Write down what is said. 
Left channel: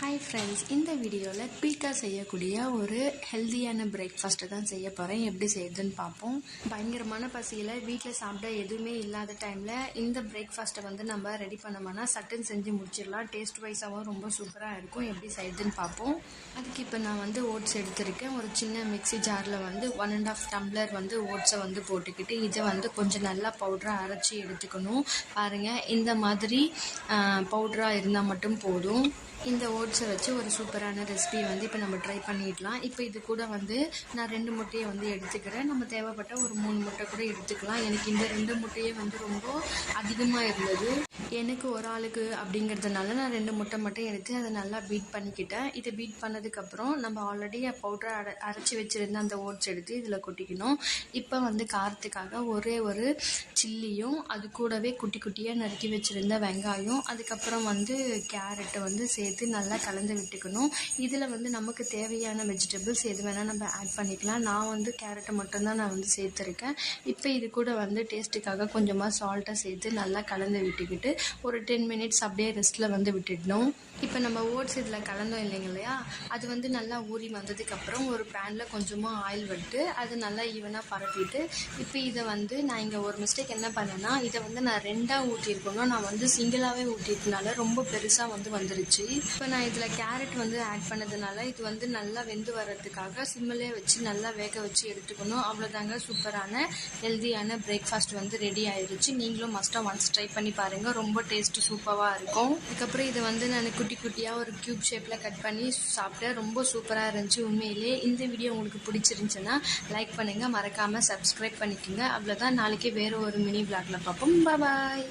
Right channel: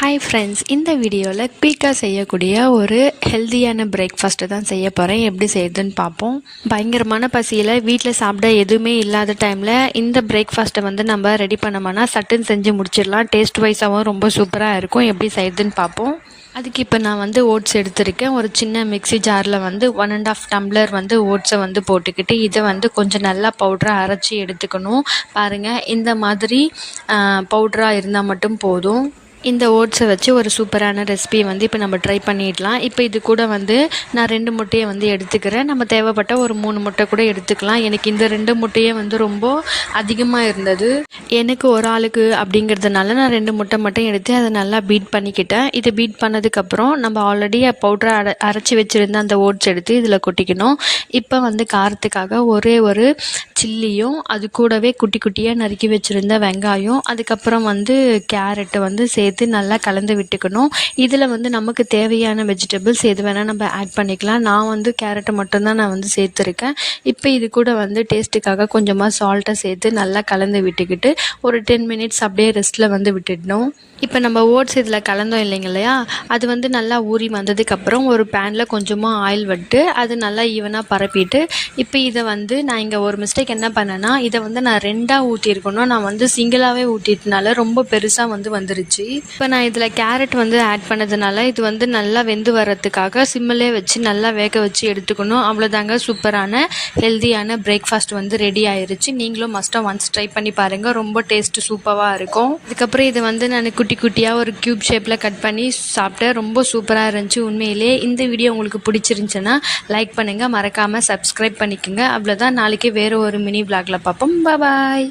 Hi friends, இந்த வீடியோவில் குயிக்காக செய்யக்கூடிய ஒரு ஹெல்த்தியான பிரேக்ஃபாஸ்ட்டு தான் செய்ய போகிறேன். எப்படி செய்யுதுன்னு பார்ப்போம். பயங்கரமான பசியில் வீட்டில் சாப்பிட எதுவுமே இல்லாத டைமில் இந்த பிரேக்ஃபாஸ்ட்டை நம்ம ரெடி பண்ணோம்னா சட்டுன்னு செஞ்சு முடிச்சிடலாம். டேஸ்ட் வைஸாகவும் ரொம்ப சூப்பராக இருக்கும். எப்படி செய்யுதுன்னு பார்ப்போம். அதுக்கு இப்போ நான் ஓட்ஸ் எடுத்திருக்கேன். ஒரு சின்ன மிக்ஸி ஜாரில் 1.5 டம்ளர் ஓட்ஸை போட்டுக்கிட்டு இதை கொஞ்சம் நல்லா பவுடராக அரைச்சி எடுத்துக்கணும். பாருங்கள், இந்த மாதிரி பவுடராக இருந்தால் மட்டும் போதும். இந்த ஓட்ஸை வச்சு ஒரு சூப்பரான ரெசிபியை இப்போ நம்ம ட்ரை பண்ணிடலாம். இப்போ இது கூட நான் 2 முட்டையை எடுத்துக்கிறேன். நம்ம தேவைப்பட்ட ஒரு 3 முட்டை கூட எடுத்துக்கலாம். எனக்கு இந்த 2 முட்டையே ரொம்ப அதிகமாக இருந்தது. எனக்கு ஒரு ஆளுக்கு அப்படிங்கிறதுனால நான் 2 முட்டை மட்டும் எடுத்து அதை நல்லா பீட் பண்ணிக்கிட்டேன். இதை பீட் பண்ணதுக்கப்புறம் நம்ம ஆல்ரெடி பவுடரை அரைச்சி வச்சுருந்த அந்த ஓட்ஸ் எடுத்து இதில் கொட்டிக்கணும். இப்போ காரத்துக்காக ஒரே ஒரு சில்லியும், அது கூடவே குட்டி குட்டியாக நறுக்கி வச்சுருந்த வெங்காயம், அதுக்கப்புறம் கேரட்டு சேர்த்து நல்லா கலந்து விட்டுக்கணும். இதில் நமக்கு தேவையான வெஜிடபிள்ஸ் எது வேணால் நம்ம ஆட் பண்ணிக்கலாம். நான் கேரட்டை மட்டும்தான் நான் சேர்த்துருக்கேன். இப்போ இது கூட டேஸ்ட்டுக்காக கொஞ்சமாக சால்ட்டை சேர்த்து நல்லா கலந்து விட்டுக்கிட்டு ஒரு 10 மினிட்ஸ் அப்படியே ரெஸ்ட்டில் விட்டுடணும். இப்போ நம்ம ஓட்ஸ் இதில் கலந்தோம் இல்லையா, அது நல்லா ஊறி வந்ததுக்கப்புறம் ஒரு பேனில் கொஞ்சமாக ஆயில் விட்டு அது நல்லா ஈவனாக பரப்பிட்டு இப்போ இதை நான் இங்கே ஒரு மிஸ்டேக் என்ன பண்ணேன்னா, இதை நான் 2ஆக ஊற்றிருக்கணும். நான் சிங்கிளாகவே ஊற்றிட்டனால ரொம்ப பெருசாக வந்துருச்சு. இப்போ நான் இதில் கேரட் ஆட் பண்ணதுனால இது நல்லா வெந்து வர்றதுக்காக சிம்மிலே வச்சு நல்லா வேக வச்சு எடுத்துக்கணும். அவ்வளோதாங்க, சூப்பரான ஹெல்த்தியான பிரேக்ஃபாஸ்ட் ரெடி ஆயிருச்சு. நீங்களும் மஸ்ட்டாக ஒன்ஸ் ட்ரை பண்ணி பாருங்கள். ரொம்ப டேஸ்ட்டு சூப்பராக இருக்கும். அதுக்கப்புறம் இதை நான் குட்டி குட்டியாக ஒரு க்யூப் ஷேப்பில் கட் பண்ணி சாப்பிட்டேன். ரொம்ப சூப்பராக இருந்துச்சு. உண்மையிலே இந்த வீடியோ உங்களுக்கு பிடிச்சிருந்துச்சுன்னா லைக் பண்ணுங்கள், மறக்காமல் சப்ஸ்கிரைப் பண்ணிக்கோங்க. அவ்வளோதான். நாளைக்கு வேறு ஒரு மினி விளாகில் பார்ப்போம். பாய்.